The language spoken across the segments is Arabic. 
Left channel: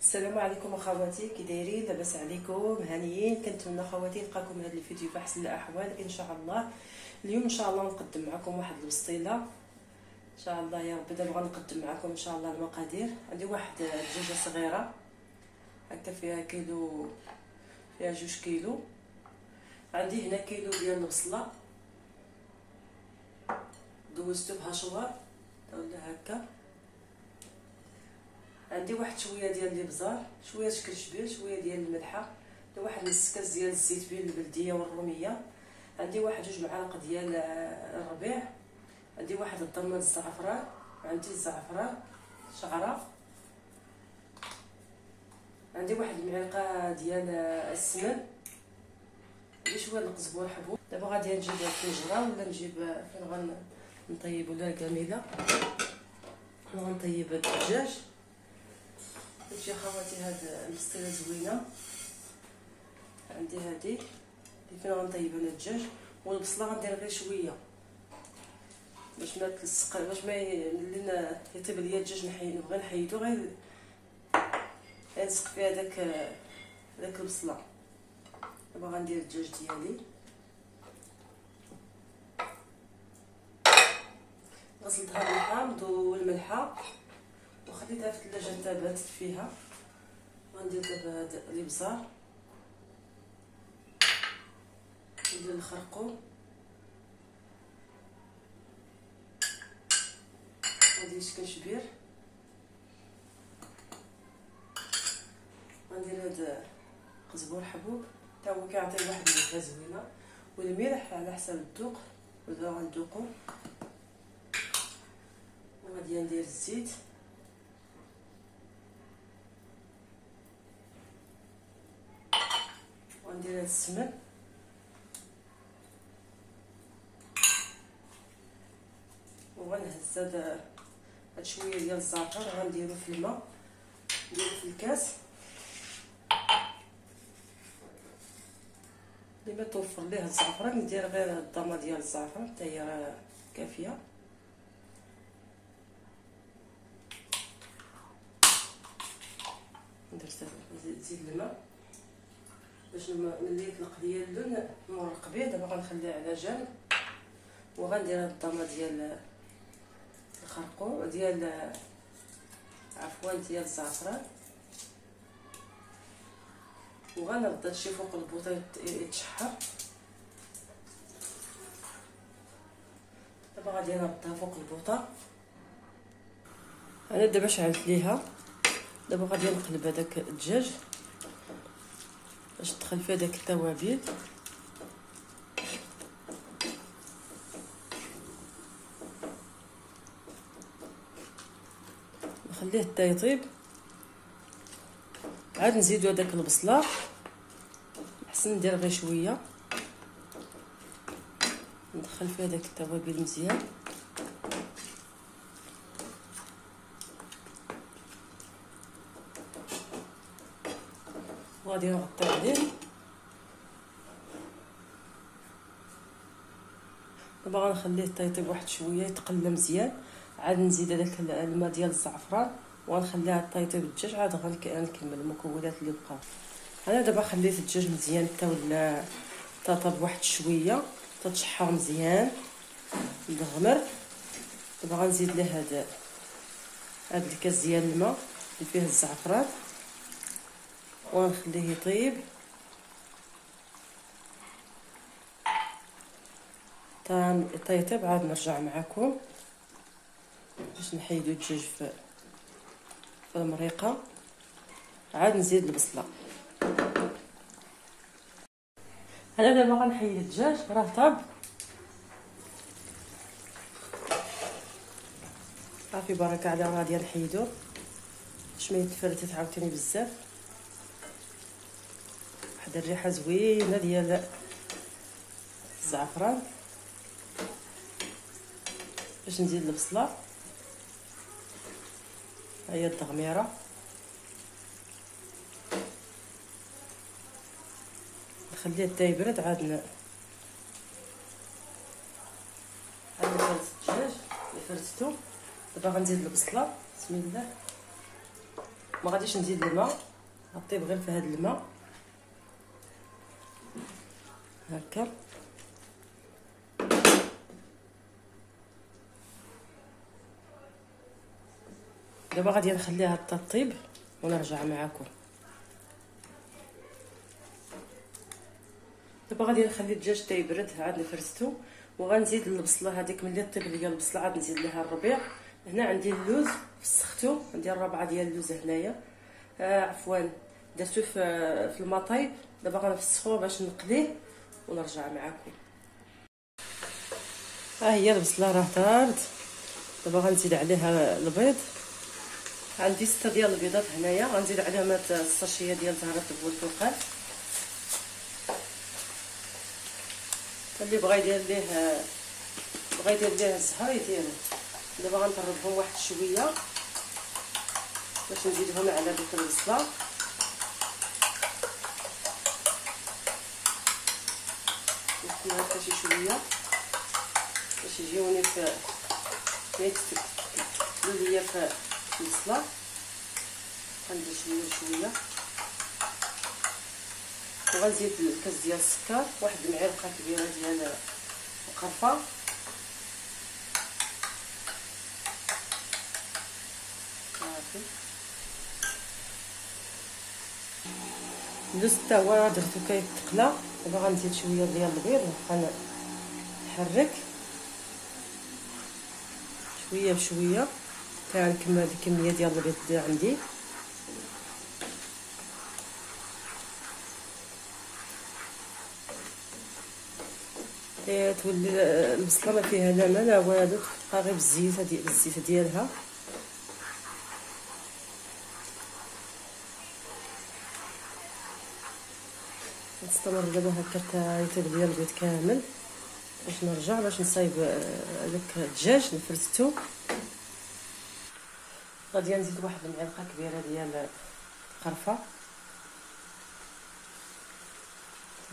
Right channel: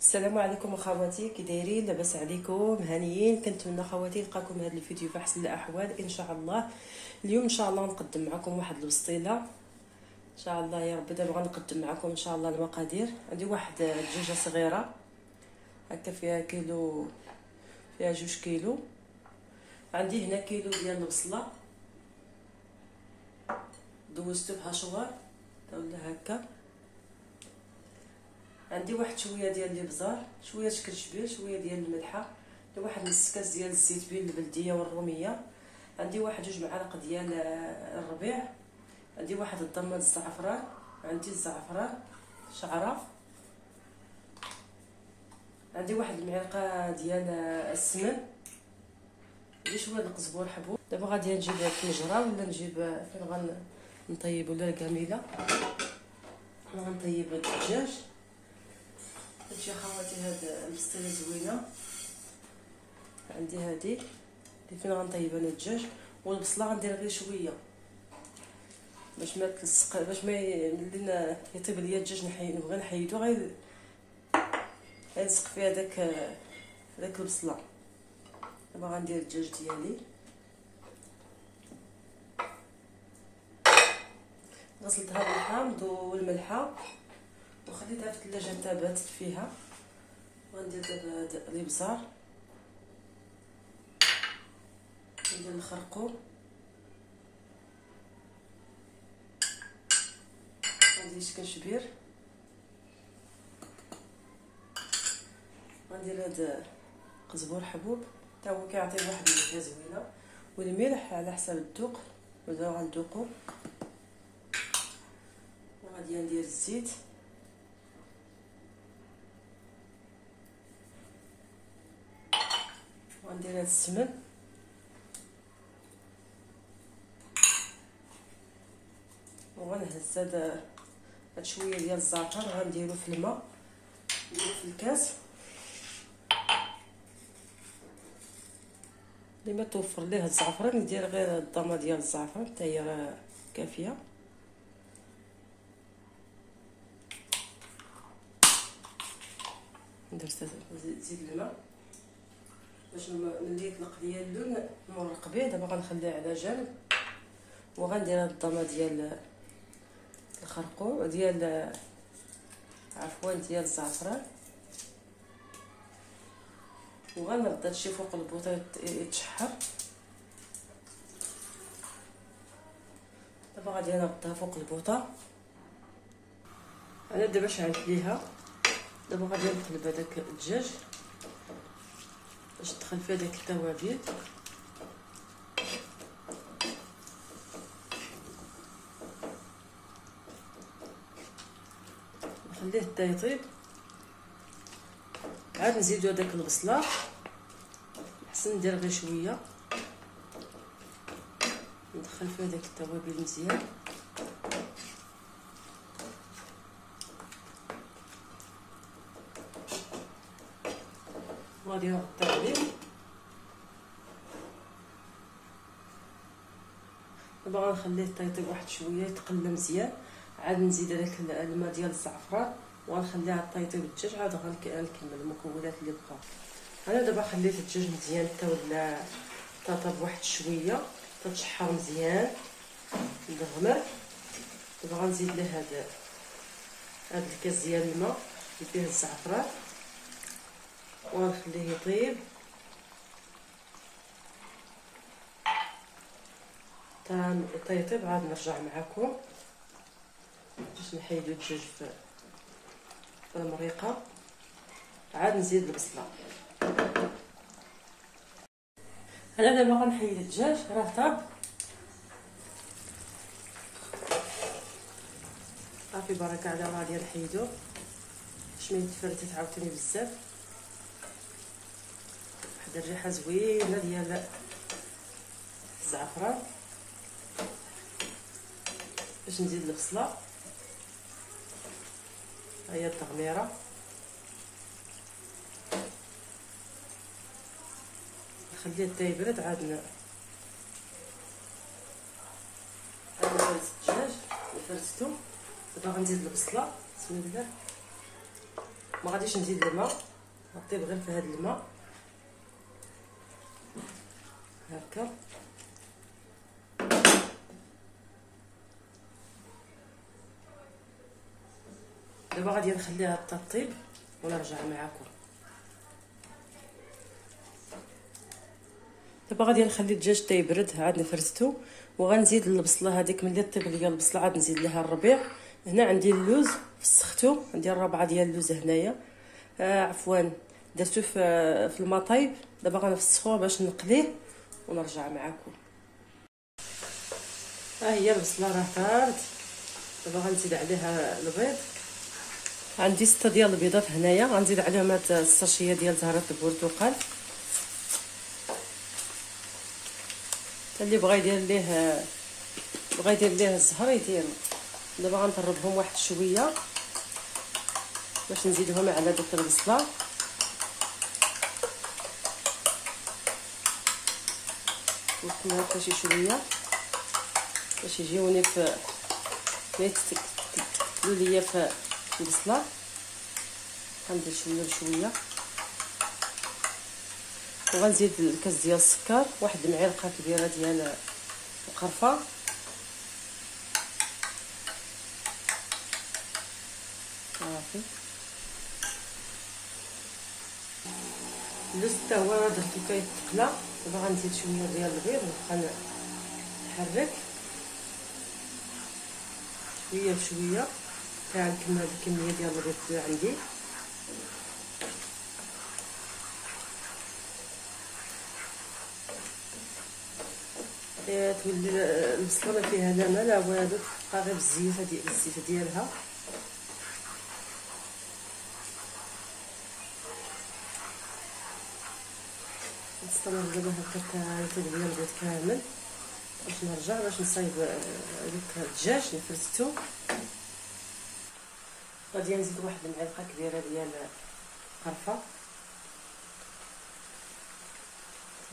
السلام عليكم اخواتي، كي دايرين؟ لاباس عليكم؟ هانيين؟ كنتمنى خواتي يلقاكم هذا الفيديو في احسن الاحوال ان شاء الله. اليوم ان شاء الله نقدم معكم واحد الوصيله ان شاء الله يا ربي. دابا غنقدم معكم ان شاء الله المقادير. عندي واحد الدجاجه صغيره هكا فيها كيلو، فيها 2 كيلو. عندي هنا كيلو ديال البصله دوزتو بهاشوار ولا هكا. عندي واحد شويه ديال الابزار، شويه شكرشبير، شويه ديال الملحه، واحد نص كاس ديال الزيت بين البلديه والروميه. عندي واحد 2 معالق ديال الربيع. عندي واحد الضماد الزعفران، عندي الزعفران شعره. عندي واحد المعلقه ديال السمن، عندي شويه القزبر حبوب. دابا غادي نجيب الطنجره ولا نجيب فين غنطيب ولا الكاميله. انا غنطيب الدجاج. شوفي خواتي هاد البسطيله زوينه. عندي هادي اللي فين غنطيب انا الدجاج، والبصله غندير غير شويه باش ما تلصق، باش ما يطيب ليا الدجاج. نبغي نحيدو غير يلصق فيها داك البصله. دابا غندير الدجاج ديالي، غسلتها بالحامض والملحه وخليتها في الثلاجه حتى باتت فيها. غندير دابا هاد الابزار، ندير الخرقوم، غندير شكرشبير، غندير هاد قزبر حبوب حتى هو كيعطي واحد النكهه زوينه، والملح على حسب الذوق. دابا غندوقو. وغادي ندير الزيت، وندير هاد السمن، وغنهز هاد شويه ديال الزعتر غنديرو في الماء، نديرو في الكاس. اللي ما توفر ليه الزعفران ندير غير الضمه ديال الزعفران حتى هي راه كافيه. ندير زيد الماء باش ملي يطلق ليا اللون نورق به. دابا غنخليه على جنب، وغندير هاد الضمه ديال الخرقوم ديال ديال الزعفران، وغنرد هادشي فوق البوطه يتشحر. دابا غادي نردها فوق البوطه. انا دابا شعلت ليها. دابا غادي نقلب هذاك الدجاج باش تدخل فيه داك التوابل. نخليه حتى يطيب، عاد نزيدو هذاك البصله. احسن ندير غير شويه، ندخل فيه داك التوابل مزيان. وغادي نغطي عليه. دابا غنخليه حتى يطيب واحد شويه يتقلى مزيان. عاد نزيد هذاك الماء ديال الزعفران وغنخليها حتى يطيب الدجاج. عاد غنكمل المكونات اللي بقاو. انا دابا خليت الدجاج مزيان حتى ولا طاب واحد شويه، تتشحر مزيان مدغمر. دابا غنزيد له هاد الكاس ديال الماء اللي فيه الزعفران ونخليه يطيب حتى يطيب. عاد نرجع معكم باش نحيدو الدجاج في المريقه. عاد نزيد البصله. انا دابا غنحيد الدجاج، راه طاب صافي بركه على. غادي نحيدوه باش ما يتفرتت عاوتاني بزاف. واحد الريحه زوينه ديال الزعفران. باش نزيد البصله، ها هي التغميره. نخليه حتى يبرد. عاد فرزت الدجاج فرزتو. دابا غنزيد البصله، بسم الله. ما غاديش نزيد الماء، غطيب غير في هذا الماء هكا. دابا غادي نخليها حتى طيب ونرجع معكم. دابا غادي نخلي الدجاج حتى يبرد، عاد نفرزتو وغنزيد البصله هذيك. ملي طيب ليا البصله عاد نزيد لها الربيع. هنا عندي اللوز فسختو، عندي الربعه ديال اللوز هنايا، عفوا درتو في الماء طايب. دابا غنفسخوه باش نقليه ونرجع معكم. ها هي البصله راه طابت. دابا غنزيد عليها البيض، عندي 6 ديال البيضات هنايا، غنزيد عليهم هاد الساشيه ديال زهره البرتقال. اللي بغى يدير ليه الزهر يدير. دابا غنطربهم واحد شويه باش نزيدهم على دوك البصله. نخليها حتى شي شويه باش يجيوني في ليا في البصله. غندير شويه بشويه وغنزيد الكاس ديال السكر، واحد المعلقه كبيره ديال القرفه، صافي. اللوز حتى هو درتو كيتقلى. دابا غنزيد شويه ديال البيض ونبقى نحرك شويه بشويه حتى نكمل الكميه ديال البيض عندي. تولي البصله ما فيها لا ما لا والو، تبقى غير بالزيت ديالها. نستمر دابا هكا حتى يطيب ليا البيض كامل باش نرجع باش نصايب داك الدجاج نفرزتو. غادي نزيد واحد المعلقه كبيره ديال القرفه،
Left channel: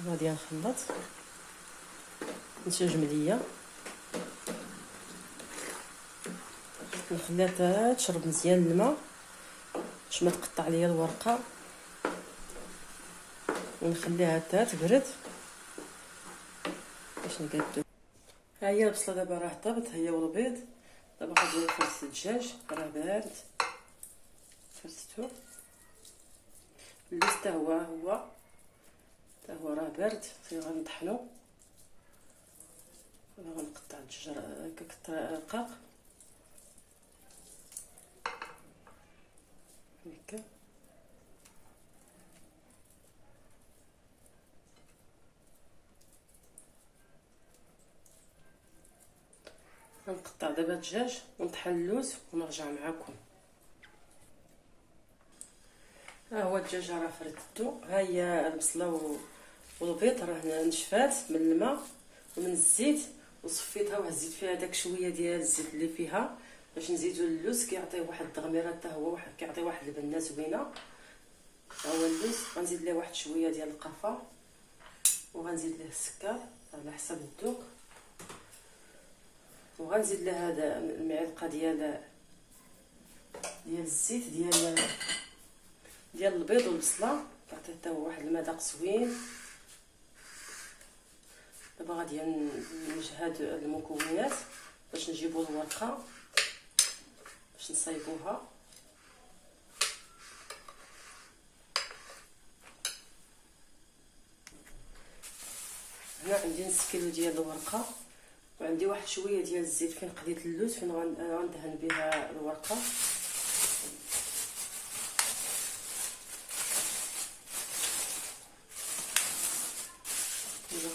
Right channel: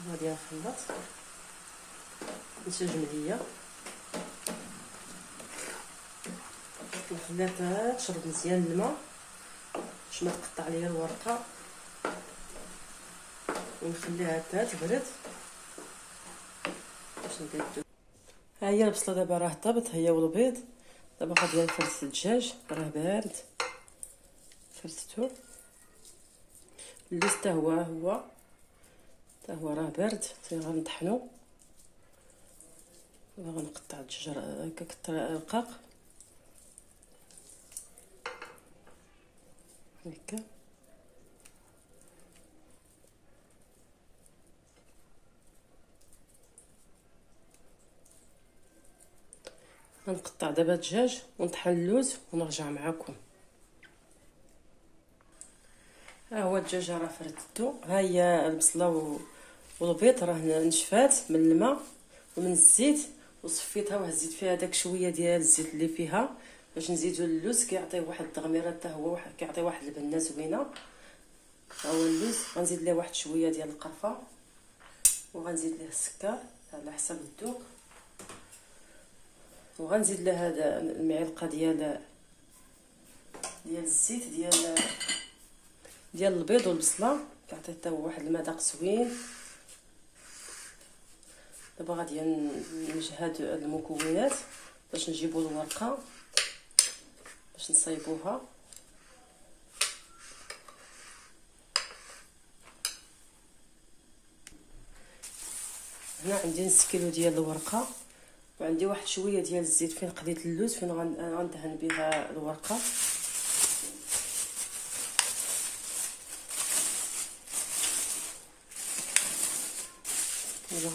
غادي نخلط نشاج مليه، نخليها تشرب مزيان الماء باش ما تقطع ليا الورقه، ونخليها حتى تبرد باش نقادو. ها هي البصله دابا راه طابت هي والبيض. دابا غادي نفرز الدجاج راه بارد، فرزتو. اللوز حتى هو راه بارد، غنطحنو. غنقطع الدجاج هكا رقاق هكا. غنقطع دابا الدجاج ونطحن اللوز ونرجع معكم. ها هو الدجاج راه فردتو. ها هي البصله والبيض راه نشفات من الماء ومن الزيت وصفيتها وهزيت فيها داك شويه ديال الزيت اللي فيها باش نزيدو اللوز. كيعطي واحد التغميره حتى هو كيعطي واحد البنه زوينه. ها هو اللوز غنزيد ليه واحد شويه ديال القرفه وغنزيد ليه السكر على حسب الذوق، وغنزيد له هذا المعلقه ديال الزيت ديال البيض والبصله، كيعطي حتى هو واحد المذاق زوين. دابا غادي نجهد المكونات باش نجيبو الورقه باش نصايبوها. هنا عندي نص كيلو ديال الورقه وعندي واحد شويه ديال الزيت فين قليت اللوز فين غندهن بها الورقه.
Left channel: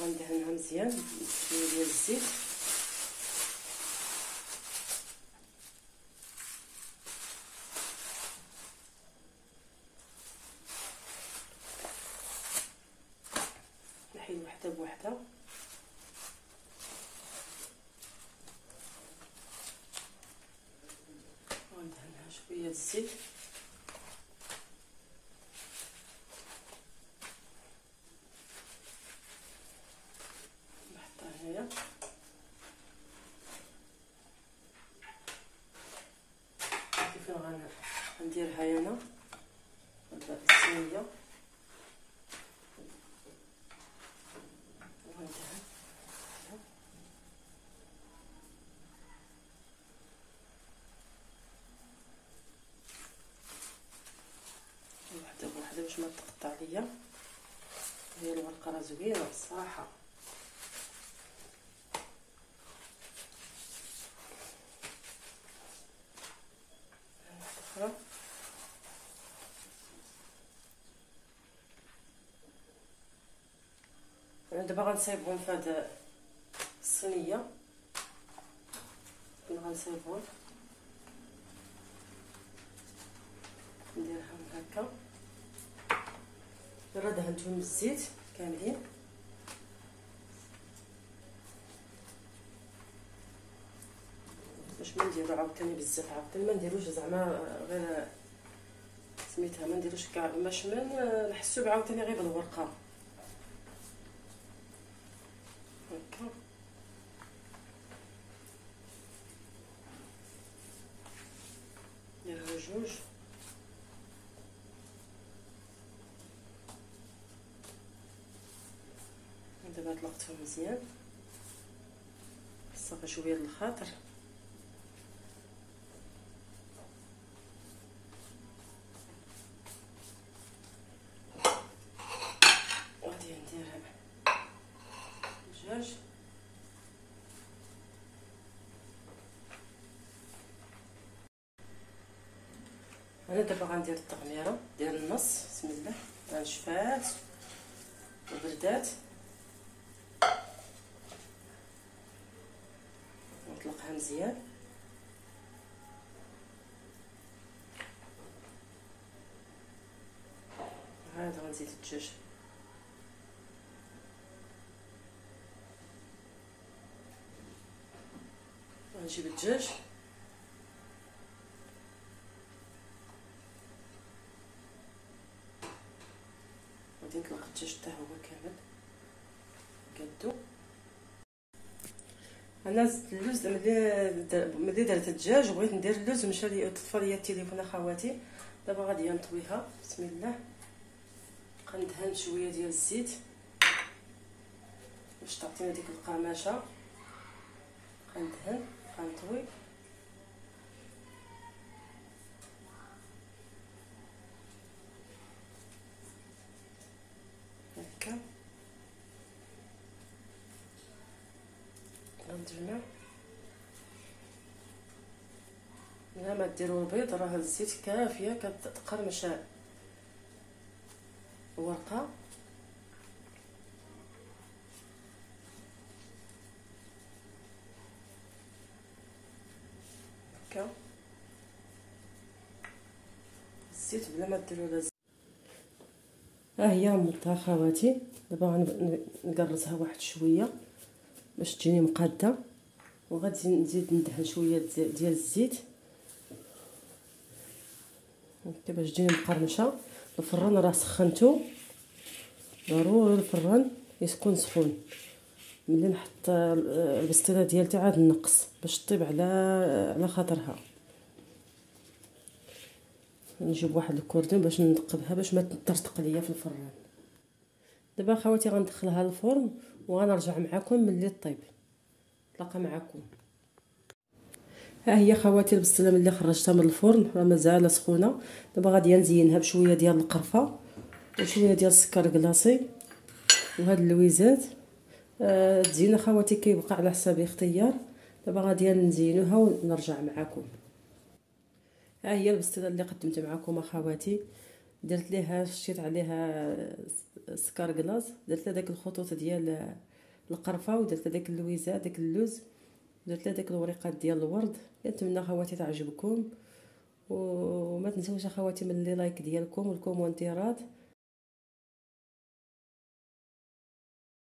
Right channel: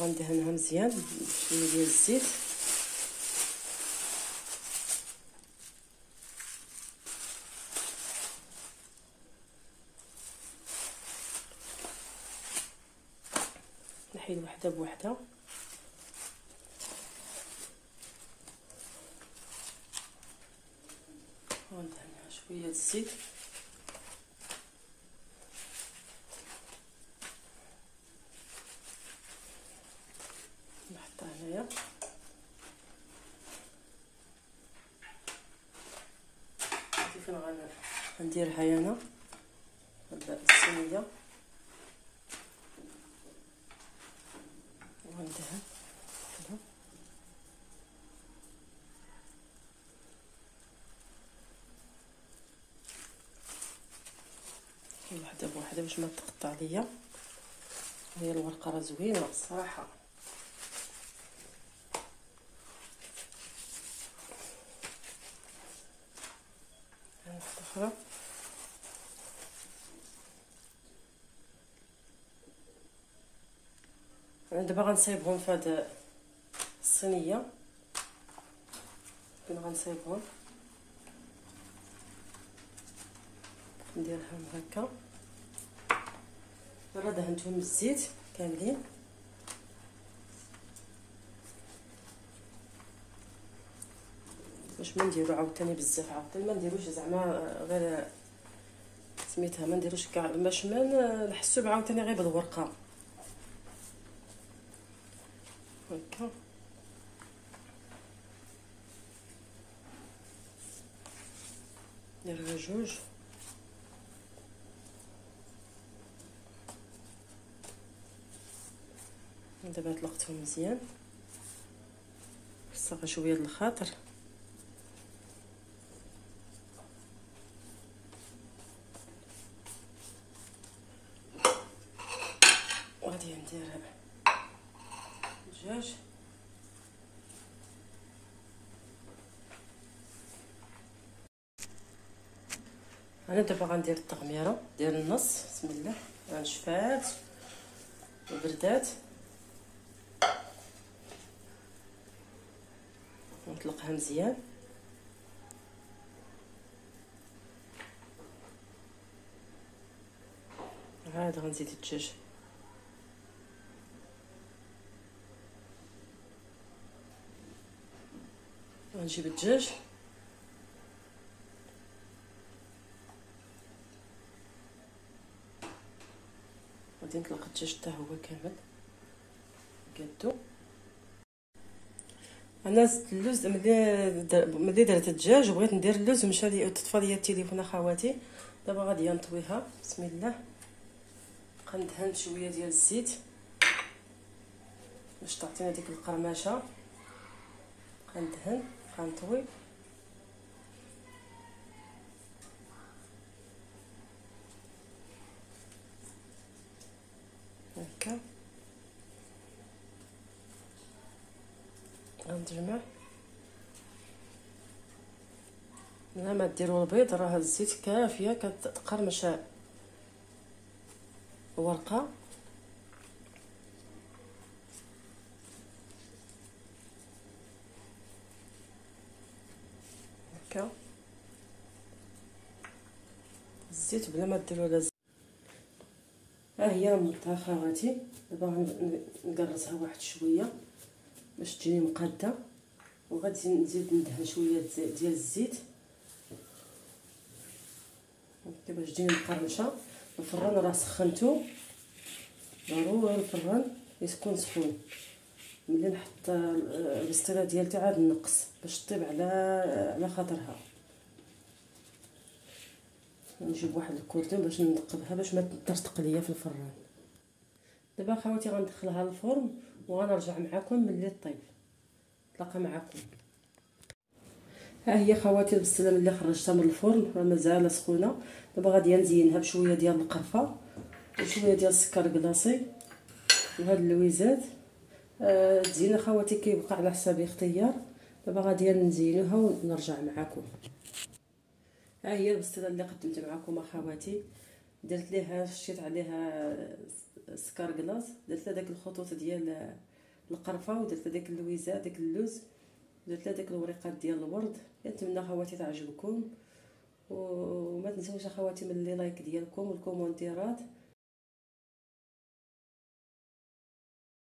غندهنها مزيان بشويه ديال الزيت. نحيد وحده بوحده. وندهنها شويه الزيت. نحطها هنايا. كيف غنديرها انا نبدا بالصينيه وندهن واحده بوحده باش ما تقطع ليا. هي الورقه راه زوينه الصراحه. واحده اخرى انا دابا غنصايبهم في هاد الصينيه. غنصايبهم نديرهم هكا. راه دهنتهم بالزيت كاملين. باش ما نديرو عاوتاني بزاف، عاوتاني ما نديروش زعما غير سميتها، ما نديروش كاع باش ما نحسو عاوتاني غير بالورقه هكا. نديرها جوج. دابا طلقتهم مزيان، خصها شويه د الخاطر. وغادي ندير الدجاج. انا دابا غندير التغميره ديال النص. بسم الله. غنشفات وبردات ونطلقها مزيان. عاد غنزيد الدجاج. غنجيب الدجاج غادي نطلق الدجاج حتى هو كامل قادو. انا زدت اللوز ملي درت الدجاج وبغيت ندير اللوز ومشى لي طفى لي التليفون اخواتي. دابا غادي نطويها. بسم الله. غندهن شويه ديال الزيت باش تعطينا ديك القرمشه. غندهن غنطوي هكا. غنجمع. ملي ما ديروا البيض راه الزيت كافيه كتقرمش الورقه. هكا الزيت بلا ما ديروا لا زيت. ها هي مطها خواتي. دابا غنقرصها واحد شويه باش تجيني مقاده، وغادي نزيد ندهن شويه ديال الزيت هكا باش تجيني مقرمشه. الفران راه سخنتو، ضروري الفران يكون سخون. ملي نحط البسطيله ديالتي عاد نقص باش طيب على خاطرها. نجيب واحد الكوردون باش نقبها باش ما تطرطق ليا في الفران. دابا خواتي غندخلها للفرن وغنرجع معكم ملي طيب. نتلاقى معكم. ها هي خواتي البسطيله ملي خرجتها من الفرن راه مازال سخونه. دابا غادي نزينها بشويه ديال القرفه وشويه ديال السكر كلاصي وهاد اللويزات. تزيين خواتي كيبقى على حساب الاختيار. دابا غادي نزينوها ونرجع معكم. ها هي البسطيله اللي قدمت معكم اخواتي. درت ليها شتيت عليها سكر كلاص، درت لها داك الخطوط ديال القرفه ودرت داك اللويزات داك اللوز، درت لها داك الوريقات ديال الورد. كنتمنى خواتي تعجبكم، وما تنسوش اخواتي من لي لايك ديالكم والكومونتيرات.